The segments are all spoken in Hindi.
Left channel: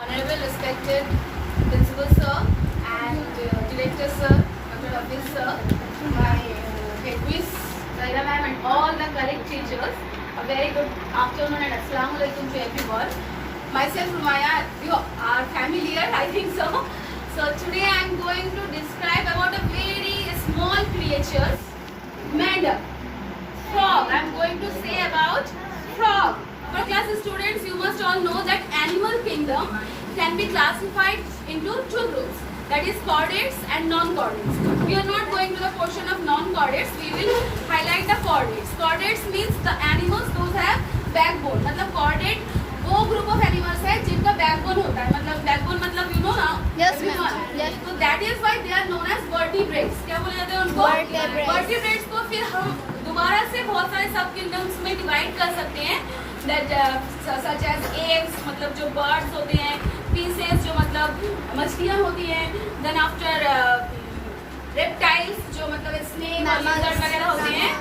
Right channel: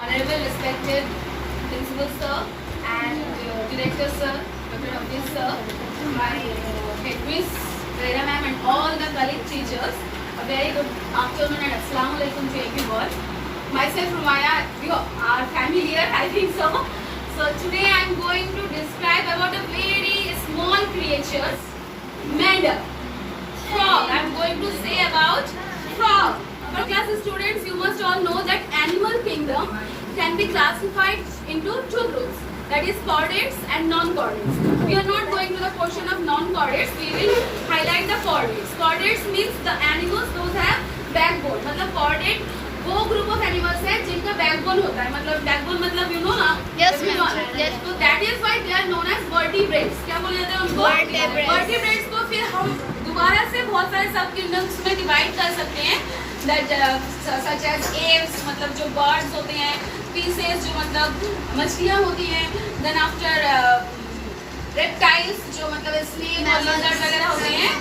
Honorable respected Principal Sir and Director Sir, Dr. Abdul Sir, my headmistress, Zaira Ma'am and all the colleague teachers, a very good afternoon and Assalamu Alaikum to everyone. Myself Rumaya, you are familiar, I think so. So today I am going to describe about a very small creature, madam, frog. I am going to say about frog. For class students, you must all know that animal kingdom can be classified into two groups, that is chordates and non-chordates. We are not going to the portion of non-chordates, we will highlight the chordates. Chordates means the animals those have backbone. मतलब chordate वो group of animals है जिनका backbone होता है. मतलब backbone मतलब you know ना? Yes ma'am. Yes. So that is why they are known as vertebrates. क्या बोले जाते हैं उनको? Vertebrates. Vertebrates को फिर हम दोबारा से बहुत सारे सब kingdoms में divide कर सकते हैं. That such as aves मतलब जो birds होते हैं, fishes जो मतलब मछलियाँ होती हैं, then after reptiles जो मतलब snake और lizard वगैरह होते हैं,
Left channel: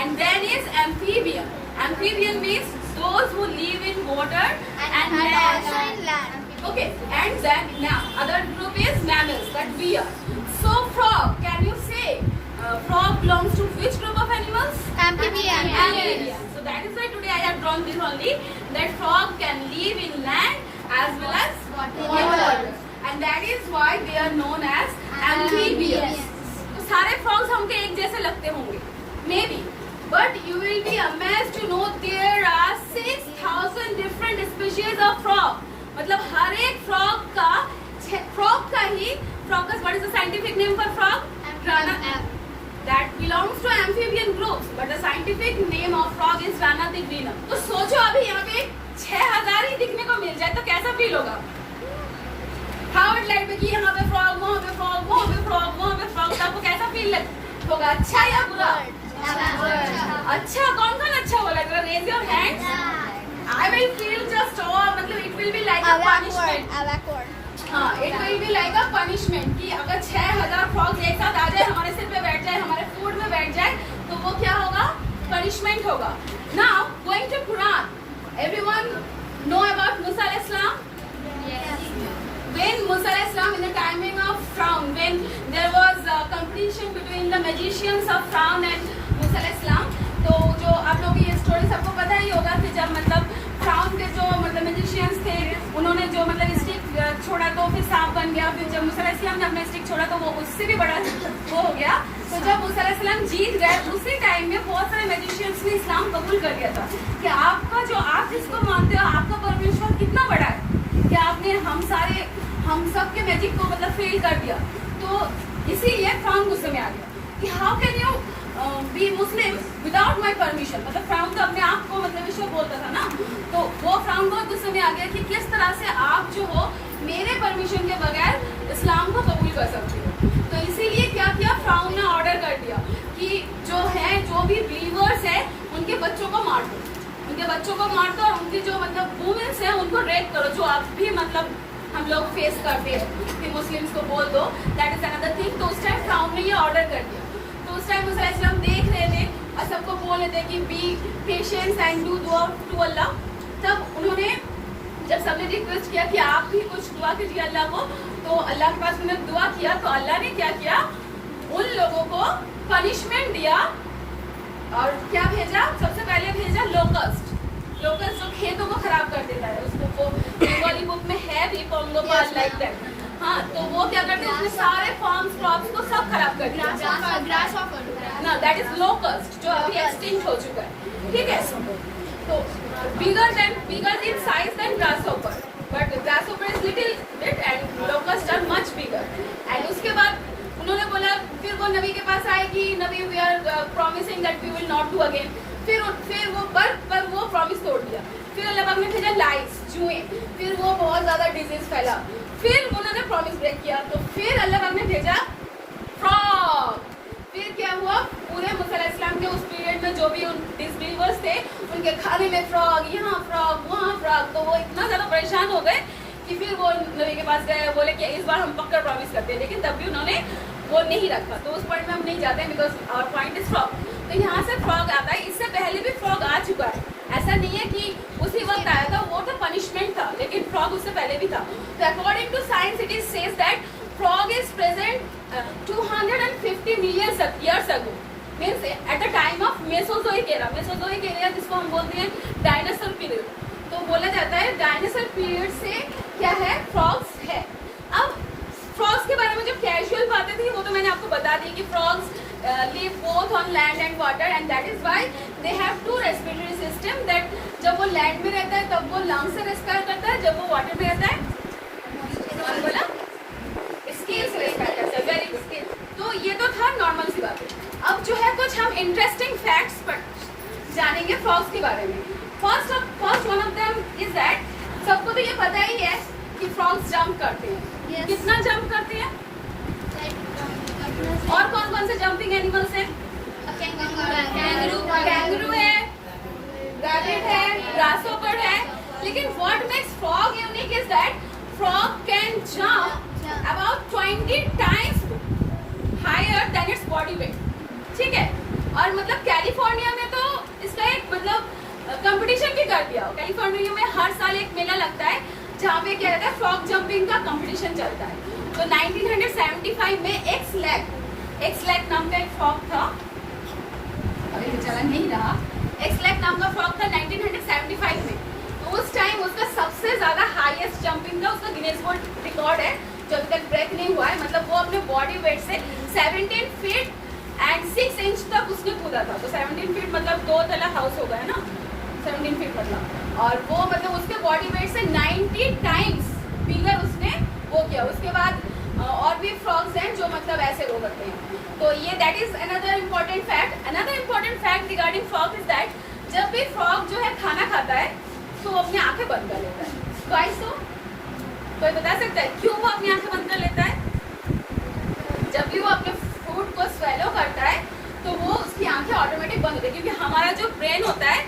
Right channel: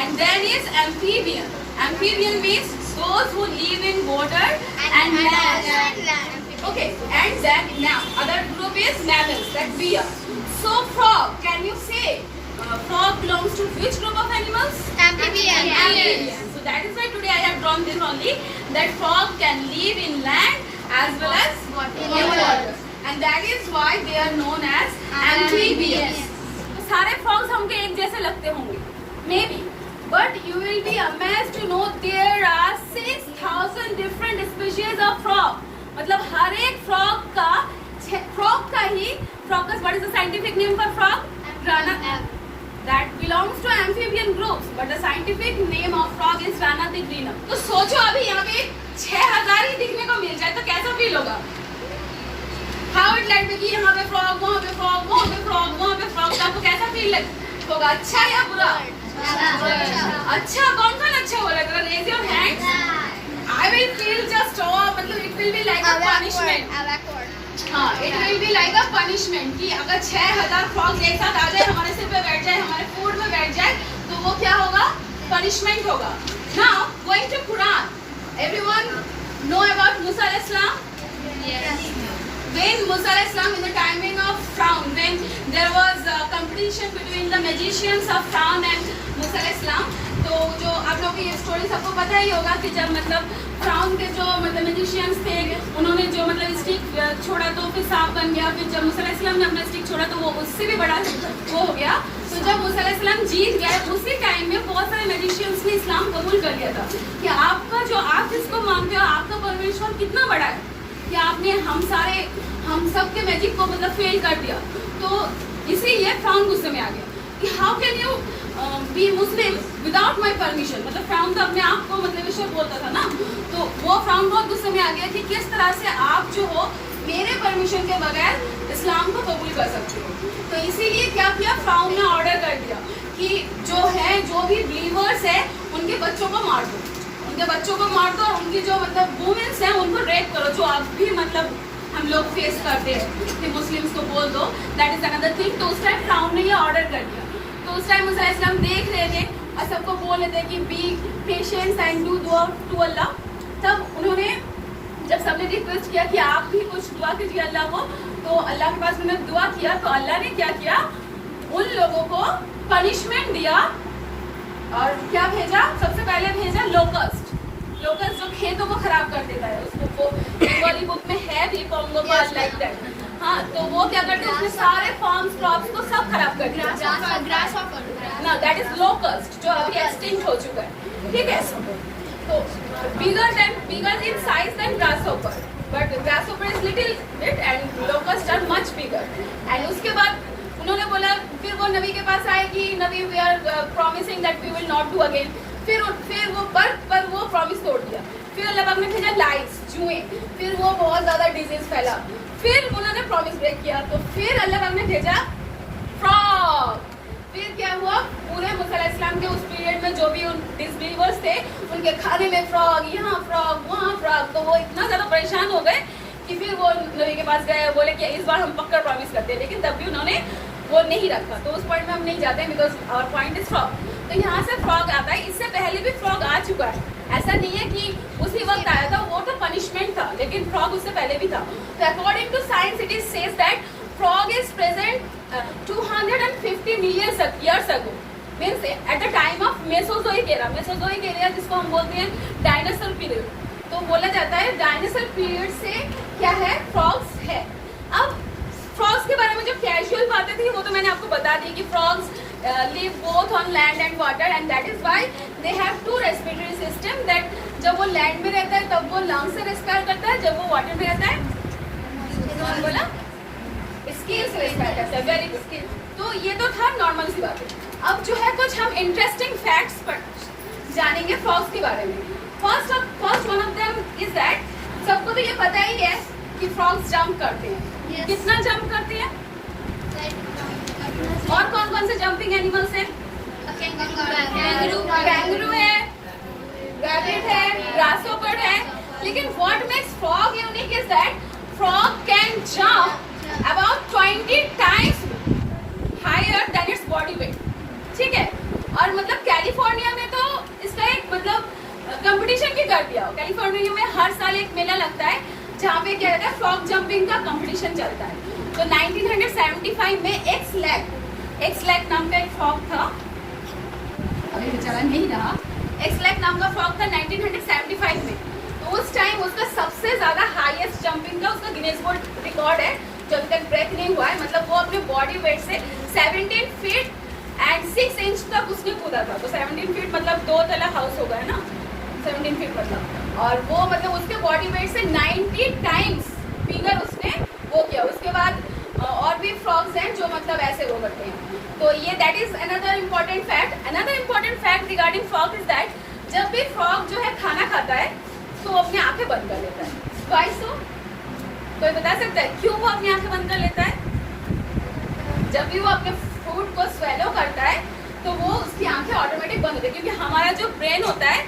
and then is amphibian. Amphibian means those who live in water and land. Okay, and then now other group is mammals, that deer. So frog, can you say frog belongs to which group of animals? Amphibian. Amphibian. So that is why today I have drawn this only, that frog can live in land as well as in water, and that is why they are known as amphibians. तो सारे frogs हमके एक जैसे लगते होंगे, maybe, but you will be amazed to know there are 6,000 different species of frog. मतलब हर एक frog का ही what is the scientific name for frog? Rana. That belongs to amphibian groups, but the scientific name of frog is Rana digrinum. तो सोचो अभी यहाँ पे 6,000 ही दिखने को मिल जाए तो कैसा फील होगा? How it like कि यहाँ पे frog, वहाँ पे frog, वहाँ पे frog, वहाँ पे frog, तो आपको कैसा फील होगा? अच्छा या बुरा? अच्छा, कौन अच्छा बोलेगा? Raise your hands. I will feel just मतलब it will be like a punishment. हाँ, it will be like a punishment कि अगर 6,000 frogs एक साथ आ जाए हमारे सिर पे बैठ जाए हमारे फूड में बैठ जाए तो वो क्या होगा? Punishment होगा. Now going to Quran. Everyone know about Musa alayhis salam? Yes. When Musa alayhis salam in the timing of Firaun, when there was a competition between the magicians of Firaun and Musa alayhis salam, तो जो आप लोगों की ये स्टोरी सबको पता ही होगा कि जब मतलब फ्राउन के जो मतलब मैजिशियंस थे उन्होंने जो मतलब स्टिक छोड़ा तो फिर सांप बन गया. फिर जब मूसा अलैहिस्सलाम ने अपना स्टिक छोड़ा तो वो उससे भी बड़ा वो हो गया. तो जब मूसा अलैहिस्सलाम जीत गए उसी टाइम में बहुत सारे मैजिशियंस ने इस्लाम कबूल कर लिया था कि आपका जो आप जिसको मानते हो आपका परमेश्वर कितना बड़ा है कि आपने हम सब के मैजिक को मतलब फेल कर दिया. तो इसीलिए फ्राउन गुस्से में आ गया कि how can you be Muslim without my permission. मतलब फ्राउन तो अपने आप को मतलब ईश्वर बोलता था ना, तो वो फ्राउन बहुत गुस्से में आ गया कि किस तरह से आप जो हो मेरे परमिशन के बगैर इस्लाम को कबूल कर सकते हो. तो इसीलिए क्या किया, फ्राउन ने ऑर्डर कर दिया कि जो भी बिलीवर्स है उनके बच्चों को मार दो, उनके बच्चों को मार दो और उनकी जो मतलब वुमेन्स हैं उनको रेप करो, जो आप भी मतलब हम लोग फेस करते हैं कि मुस्लिम्स को बोल दो. That is another thing. तो उस टाइम फ्राउन ने ये ऑर्डर कर दिया. तो उस टाइम मूसा अलैहिस्सलाम देख रहे थे और सबको बोल रहे थे कि बी पेशेंस एंड डू दुआ टू अल्लाह. तब उन्होंने जब सबने रिक्वेस्ट किया कि आप भी कुछ दुआ कीजिए अल्लाह को, तो अल्लाह के पास उन्होंने दुआ किया तो अल्लाह ने क्या किया, उन लोगों को पनिशमेंट दिया और क्या भेजा, सबसे पहले भेजा लोकस्ट जो खेतों को खराब कर देता है. उसको वाली बुक में है भी कॉन्गो का लाइक दैट. हाँ, तो वो क्या करते हैं उसमें सारे फार्म्स क्रॉप्स को सब खराब कर दिया ना. दैट इज लोकस्ट जो अभी एक्सटिंक्ट हो चुका है. ठीक है. तो bigger in size than grasshopper, but grasshopper is little bit and locust are much bigger. And उसके बाद उन्होंने बोला, फिर वो नबी के पास आए कि नबी we are promising that we will not do again. फिर वो पर वो प्रॉमिस तोड़ दिया. फिर अल्लाह पाक ने भेजा लाइट्स, जुएं, फिर वो बहुत ज्यादा डिजीज फैला. फिर उन्होंने प्रॉमिस ब्रेक किया तो फिर अल्लाह पाक ने भेजा फ्रॉग. फिर क्या हुआ, पूरे मूसा अलैहिस्सलाम के उस पीरियड में जो भी डिसबिलीवर्स थे उनके खाने में फ्रॉग, यहाँ फ्रॉग, वहाँ फ्रॉग. तो वो इतना ज्यादा परेशान हो गए कि फिर वो नबी के पास गए, बोले कि इस बार हम पक्का प्रॉमिस करते हैं. लेकिन तब भी उन्होंने वो नहीं रखा. तो उस पॉइंट में हम नहीं जाते because our point is frog. तो यहाँ से फ्रॉग आता है. इससे पहले भी फ्रॉग आ चुका है, ऐसा नहीं है कि उसी वक्त आया था, वो तो पनिशमेंट था, लेकिन फ्रॉग उससे पहले भी था. according to science, it is says that frog is present 250 million years ago. Means at the time of Mesozoic era. Mesozoic era जिसको हम बोलते हैं डायनासोर पीरियड. तो बोला जाता है डायनासोर पीरियड से क्या है, फ्रॉग्स है. अब फ्रॉग्स के बारे में जो कैजुअल बातें थी वो तो मैंने आपको बता दी कि frogs live both on land and water, and that is why they have two respiratory system. That जब वो लैंड में रहता है तब वो लंग से रेस्पायर करता है, जब वो वाटर में रहता है बोला स्किन से रेस्पायर करता है. Very good. तो ये तो था नॉर्मल सी बातें. अब जो है कुछ हम इंटरेस्टिंग फैक्ट्स जानेंगे फ्रॉग्स के बारे में. First one of them is that, सबको तो ये पता ही है कि फ्रॉग्स जंप करते हैं. Yes. कितना जंप करते हैं? और कौन कौन से जंपिंग एनिमल्स हैं? कैंगरू है, रैबिट है, ग्रासहोपर है. लेकिन what makes frog unique is that frog can jump about 20 times higher than its body weight. ठीक है. और मतलब कैलिफोर्निया में तो इसका एक मतलब कंपटीशन भी कर दिया. कैलिफोर्निया में हर साल एक मेला लगता है जहाँ पे क्या रहता है, फ्रॉग जंपिंग का कंपटीशन चलता है. तो 1975 में एक्सलैक नाम का एक फ्रॉग था. अभी तो चला नहीं रहा. एक्सलैक नाम का फ्रॉग था 1975 में. तो उस टाइम उसका सबसे ज्यादा हाईएस्ट जंपिंग का उसका गिनेस वर्ल्ड रिकॉर्ड है जो अभी तक ब्रेक नहीं हुआ है. मतलब वो अपने बॉडी वेट से 17 फीट एंड 6 इंच तक उसने कूदा था. तो 17 फीट मतलब 2 तला हाउस हो गया ना, 17 फीट मतलब. और वो मतलब उसके बॉडी वेट से 90 टाइम्स बिगर उसने वो किया. उसके बाद और भी फ्रॉग्स हैं जो मतलब ऐसे वो करते हैं. तो ये that is another important fact. Another important fact regarding frog is that जब भी फ्रॉग जो है खाना खाता है तो वो अपनी आंखें बंद कर लेता है. Why so? कोई बता सकता है क्यों वो अपनी आंखें बंद कर लेता है? जब भी वो अपने फूड को स्वेलो करता है तो वो उसकी आंखें ऑटोमेटिक बंद होती है. क्योंकि हमारा जो ब्रेन होता है,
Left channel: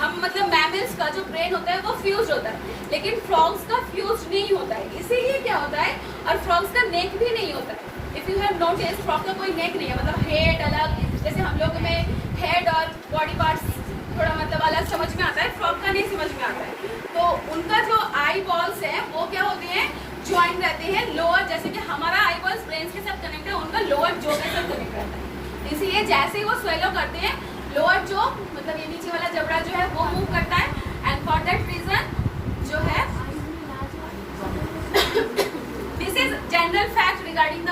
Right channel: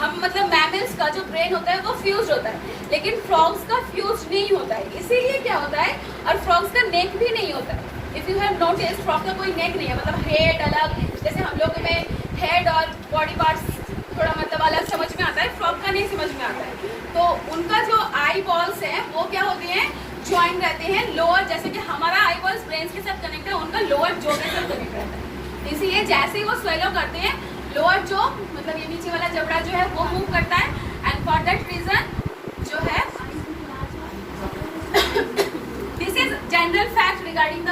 हम मतलब मैमल्स का जो ब्रेन होता है वो फ्यूज होता है, लेकिन फ्रॉग्स का फ्यूज नहीं होता है. इसीलिए क्या होता है, और फ्रॉग्स का नेक भी नहीं होता है. If you have notice, frog का कोई नेक नहीं है. मतलब हेड अलग, जैसे हम लोगों में हेड और बॉडी पार्ट्स थोड़ा मतलब अलग समझ में आता है, फ्रॉग का नहीं समझ में आता है. तो उनका जो आई बॉल्स है वो क्या होते हैं, ज्वाइन रहते हैं लोअर. जैसे कि हमारा आई बॉल्स ब्रेन के साथ कनेक्ट है, उनका लोअर जो के साथ कनेक्ट रहता है. इसीलिए जैसे ही वो स्वेलो करते हैं, लोअर जो मतलब ये नीचे वाला जबड़ा जो है वो मूव करता है. एंड फॉर दैट रीजन जो है this is general fact regarding the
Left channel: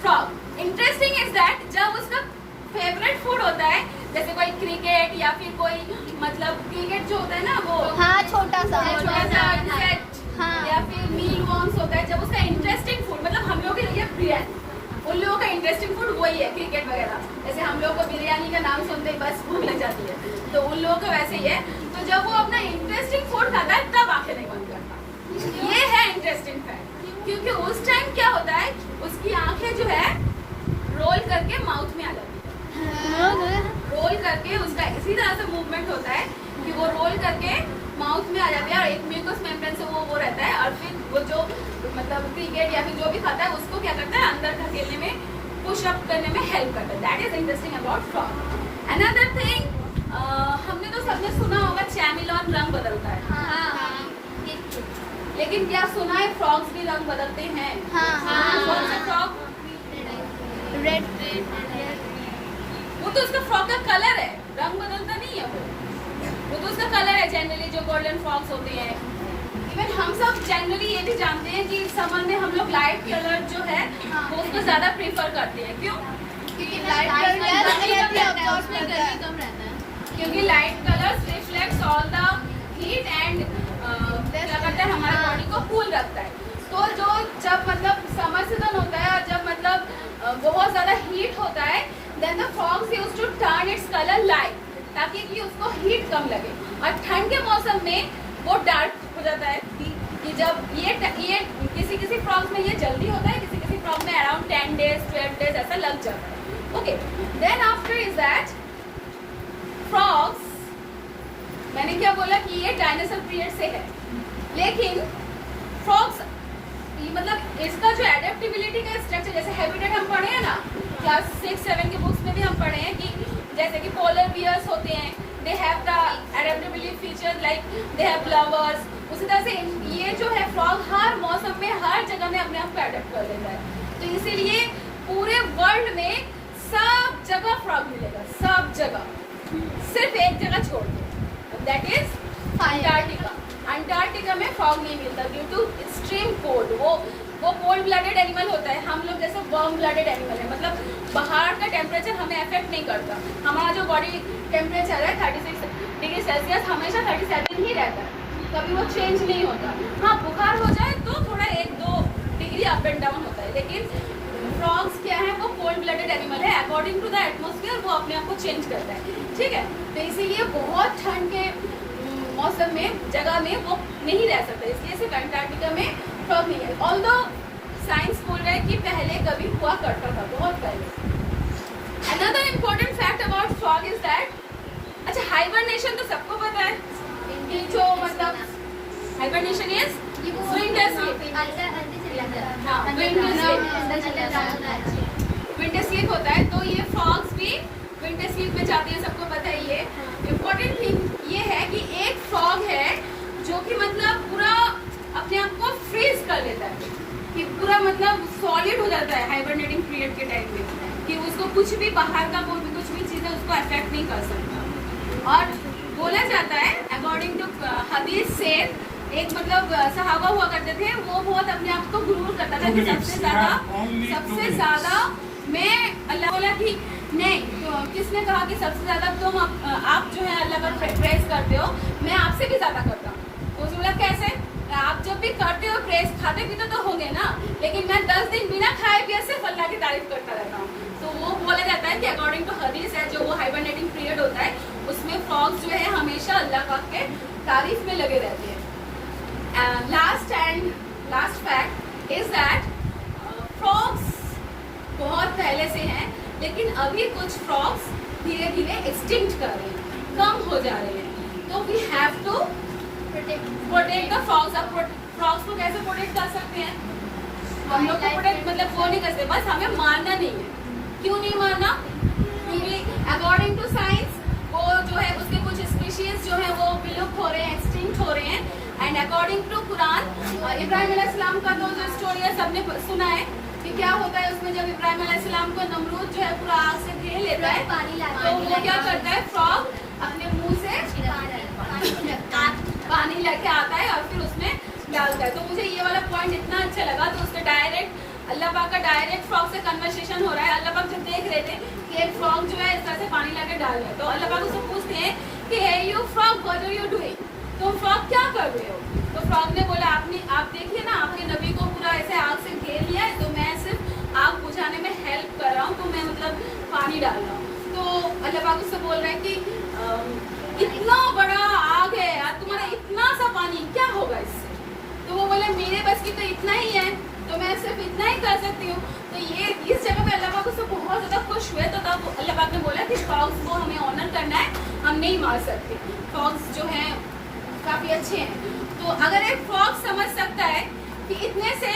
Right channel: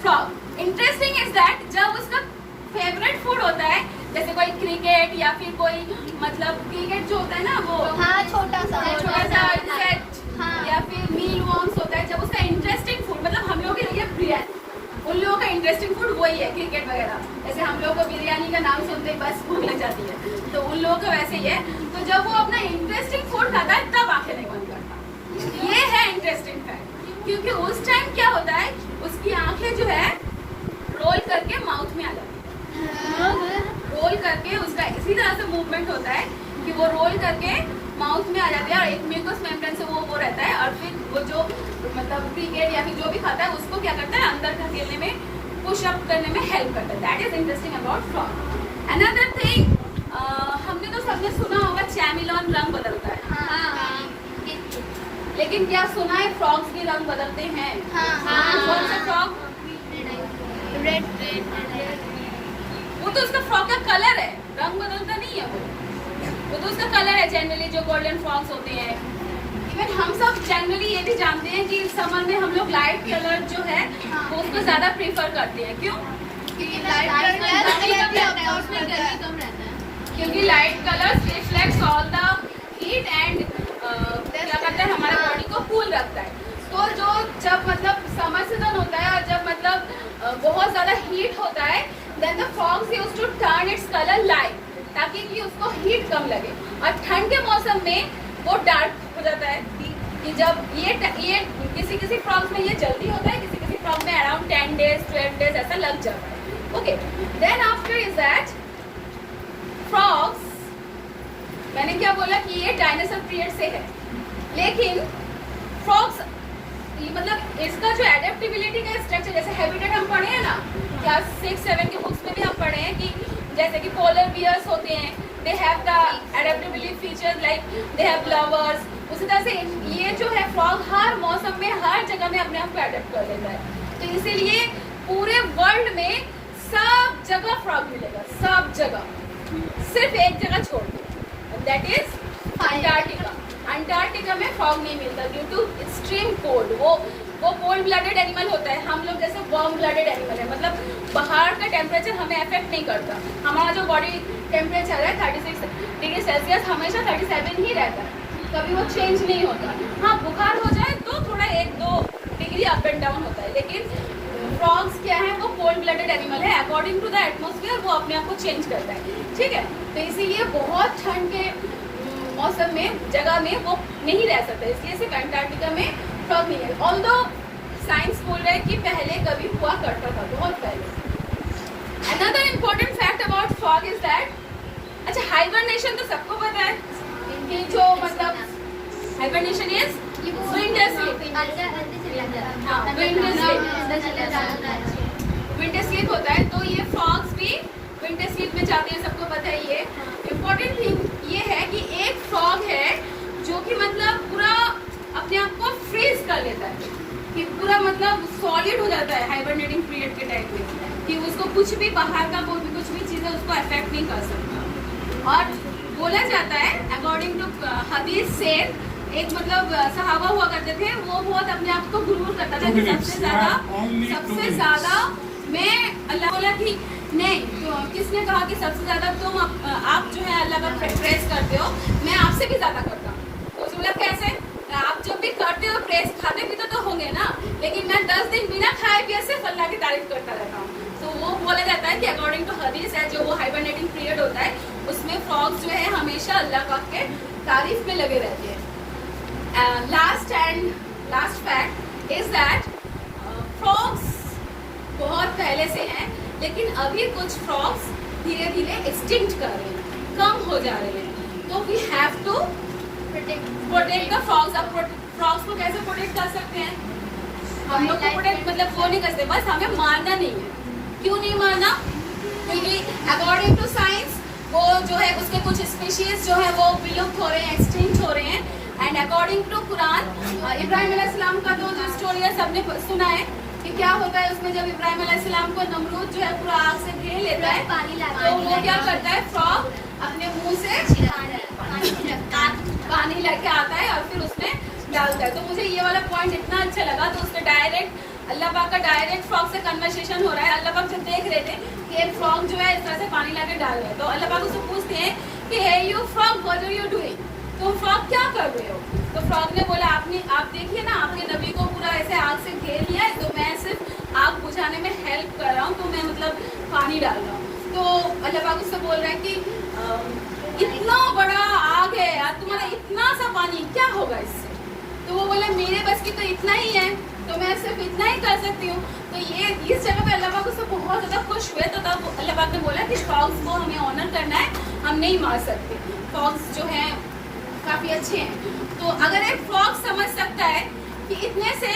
frog. Interesting is that जब उसका फेवरेट फूड होता है, जैसे कोई क्रिकेट या फिर कोई मतलब क्रिकेट जो होता है ना वो छोटा सा इंसेक्ट या फिर मील वॉर्म्स होता है. जब उसका इंटरेस्टिंग फूड मतलब हम लोग के लिए बिरयानी, उन लोगों का इंटरेस्टिंग फूड वही है क्रिकेट वगैरह. जैसे हम लोग को बिरयानी का नाम सुनते ही बस भूख लग जाती है, तो उन लोगों का वैसे ही है. तो जब वो अपना इंटरेस्टिंग फूड खाता है तब आंखें नहीं बंद करता. ये है इंटरेस्टिंग फैक्ट. क्योंकि उस टाइम क्या होता है, उसकी आंखें जो है रोल करके माउथ में आ जाती है. रोल करके उसका इसी तरह से मूवमेंट होता है कि वो रोल करके माउथ में आ जाती है और एक म्यूकस मेम्ब्रेन से वो रहता है. और फिर वो जो मतलब क्रिकेट या फिर जो भी खाता है उसको क्या करता है, अंदर धकेलने में, पुश अप करने में हेल्प करता है. That is interesting about frog. Another thing, हमने तो सबने सुना होगा चैमिलॉन रंग बदलता है. लेकिन क्या सुना है फ्रॉग्स भी रंग बदलते हैं? कौन से फ्रॉग? रेड. वो तो उसका फ्रॉग का कलर है, रंग बदलता नहीं है. वो तो उसका कलर है. जनरली जो गोल्डन फ्रॉग्स होते हैं, इवन हम सब जनरली ये भी जानते हैं कि समर में हम लोग लाइट कलर जो है वो उसको ज्यादा प्रेफर करते हैं. क्यों? क्योंकि light colour reflects all the heat and क्या करता है, हमारे बॉडी को कूल रखता है. तो जो जब मतलब समर सीजन होता है, जब मतलब बहुत ज्यादा हीट होता है, then the frogs used to turn its colour light ताकि कि उसको हीट कम लगे. और ठंड के मौसम में वो डार्क हो जाता है. कि जब ये किसी फ्रॉग्स में ये जल्दी होता है, किसी फ्रॉग में अराउंड 10 days 12 days ऐसा लग जाता है. Okay, then after is that frogs, मैंने क्या बोला कि ये डायनासोर पीरियड से है. लेकिन फ्रॉग्स मतलब इसका जो एडेप्टेबिलिटी का स्ट्रक्चर, जैसे हैबिटेट हम पढ़े हैं ना क्लास 6-7 की बुक्स में भी हम पढ़े हैं कि जैसे कि पोलर बियर्स होते हैं, they have the adaptability feature like they have blubbers, उसी तरह से ये जो है फ्रॉग हर मौसम में हर जगह में अपने आप को अडेप्ट कर लेता है। तो इसीलिए पूरे वर्ल्ड में सब जगह फ्रॉग मिलेगा, सब जगह, सिर्फ एक जगह छोड़ के, दैट इज अंटार्कटिका। अंटार्कटिका में फ्रॉग नहीं मिलता ड्यू टू एक्सट्रीम कोल्ड। वो कोल्ड ब्लडेड एनिमल होता है, हम लोग जैसे वार्म ब्लडेड एनिमल है, मतलब बाहर का टेम्परेचर हमें अफेक्ट नहीं करता। हमारा जो बॉडी टेम्परेचर है 36 डिग्री सेल्सियस हमेशा 37 ही रहता है, कभी वो चेंज नहीं होता। हाँ, बुखार हो जाए तो थोड़ा 1-2 डिग्री अप एंड डाउन होता है, लेकिन फ्रॉग्स क्या है, वो कोल्ड ब्लडेड एनिमल है। अकॉर्डिंग टू द एटमोसफियर वो अपने आप को चेंज करता है, ठीक है। तो इसीलिए बहुत ठंड के मौसम में जगह में वो नहीं रह सकता, इसलिए सिर्फ अंटार्कटिका में फ्रॉग नहीं है। ऑल्दो साइंस बोल रहा है कि पहले कभी हुआ करता था, बहुत पहले। Another important fact about frog is that, अच्छा हाइबरनेशन तो सबको पता है कि जो मतलब हाइबरनेशन इज विंटर स्लीप। हाँ, विंटर स्लीप होता है, तो ये फ्रॉग्स भी विंटर स्लीप में जाते हैं, सबको पता है। ये इम्पोर्टेंट थिंग ये है कि एक फ्रॉग है जो कि मतलब पूरा अपने आप को फ्रीज कर लेता है, कि पूरा मतलब सॉलिड हो जाता है हाइबरनेटिंग पीरियड के टाइम में, कि उसको कुछ भी बाहर का कोई भी कुछ भी चीजें उसको अफेक्ट नहीं कर सकता। और बोला जाता है अकॉर्डिंग टू हदीस से, एक मतलब सहाबा हुआ करते थे, वो बहुत अपने आप को गुरूर करता था कि सबसे ज्यादा मैं अल्लाह बोला कि नहीं, तो किसने कहा कि सबसे ज्यादा तुम आप जो है अल्लाह का प्रेस करते हो, मैं आपसे भी ज्यादा करता हूँ। उस मतलब कैसे, आप जब भी करते हो प्रेस, खाते पीते तो होंगे ना, लेकिन मैं 10 दिन बिना खाए पिए सिर्फ अल्लाह की तारीफ करता रहता हूँ। तो वो बोला जाता है कि अकॉर्डिंग टू हदीस है, जो वो हाइबरनेटिंग पीरियड होता है, उसमें फ्रॉग्स जो है हमेशा अल्लाह पाक के तारीफ में लगे रहते हैं। Last fact is that frogs बहुत पहले से हैं, लेकिन अभी कुछ फ्रॉग्स धीरे धीरे एक्सटिंक्ट कर रहे हैं, कम हो जा रहे हैं। तो we have to protect the frogs. अब फ्रॉग्स को कैसे प्रोटेक्ट कर सकते हैं? हम लोग को प्रोटेक्ट मतलब वो नहीं करते, बस हमें मारना नहीं है। क्यों नहीं मारना? क्योंकि अकॉर्डिंग टू साइंस वो जो है उसके कुछ स्पीशीज जो है वो विलुप्त हो रहे हैं, एक्सटिंक्ट हो रहे हैं। एंड अकॉर्डिंग टू कुरान, इब्राहिम अलैहिस्सलाम का तो जो स्टोरी है सबने सुना है कि क्या होता है उसमें, जब इब्राहिम अलैहिस्सलाम को नमरूद जो है पूरा आग से घेर लेता है, तो वो क्या करता है, फ्रॉग अपने मुंह से पानी लेके आता है और फिर उसमें डालता है। तो मुझे ये वाला पॉइंट इतना अच्छा लगा, तो उसके डायरेक्ट अल्लाह पाक का डायरेक्ट फ्रॉग से कन्वर्सेशन हो रहा है। अल्लाह पाक जब देख रहे थे कि एक फ्रॉग जो है इस तरह से पानी लेके डाल रहा है, तो अल्लाह पाक उससे पूछते हैं कि hey you frog, what are you doing, तुम फ्रॉग क्या कर रहे हो? तो फ्रॉग ने बोला, आप देखिए ना, आपके नबी को पूरा ऐसे आग से घेर लिया है, तो मैं सिर्फ आग बुझाने में हेल्प कर रहा हूँ, तो मैं मतलब पानी डाल रहा हूँ। तो अल्लाह पाक उससे बोल रहे हैं कि इतना बड़ा आग है यार, तुम्हारा इतना सा पानी क्या होगा इससे? तो वो बोले मेरे बस की तो इतना ही है, तो मैं सिर्फ इतना ही कर सकती हूँ। तो ये इस जगह पे अल्लाह पाक उससे बहुत ज्यादा खुश हुए, तो तब अल्लाह पाक ने बोला कि फ्रॉग्स को हमें ऑनर करना है, हम नहीं मार सकते, फ्रॉग्स जो है काफी अच्छे हैं। तो अगर एक फ्रॉग समझ सकता है कि इतने से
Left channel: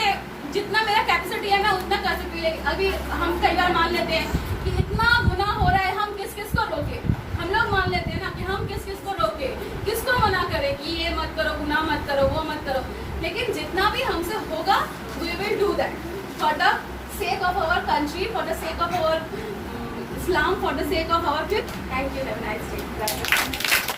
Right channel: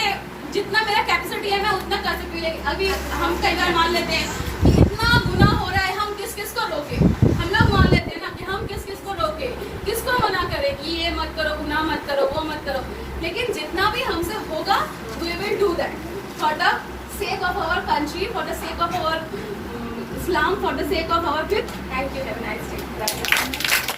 जितना मेरा कैपेसिटी है मैं उतना कर सकती हूँ, अभी हम कई बार मान लेते हैं कि इतना गुनाह हो रहा है, हम किस किस को रोके? हम लोग मान लेते हैं ना कि हम किस किस को रोके, किसको मना करें कि ये मत करो, गुनाह मत करो, वो मत करो। लेकिन जितना भी हमसे होगा we will do that for the sake of our country, for the sake of our Islam, for the sake of our faith. Thank you. Have a nice day.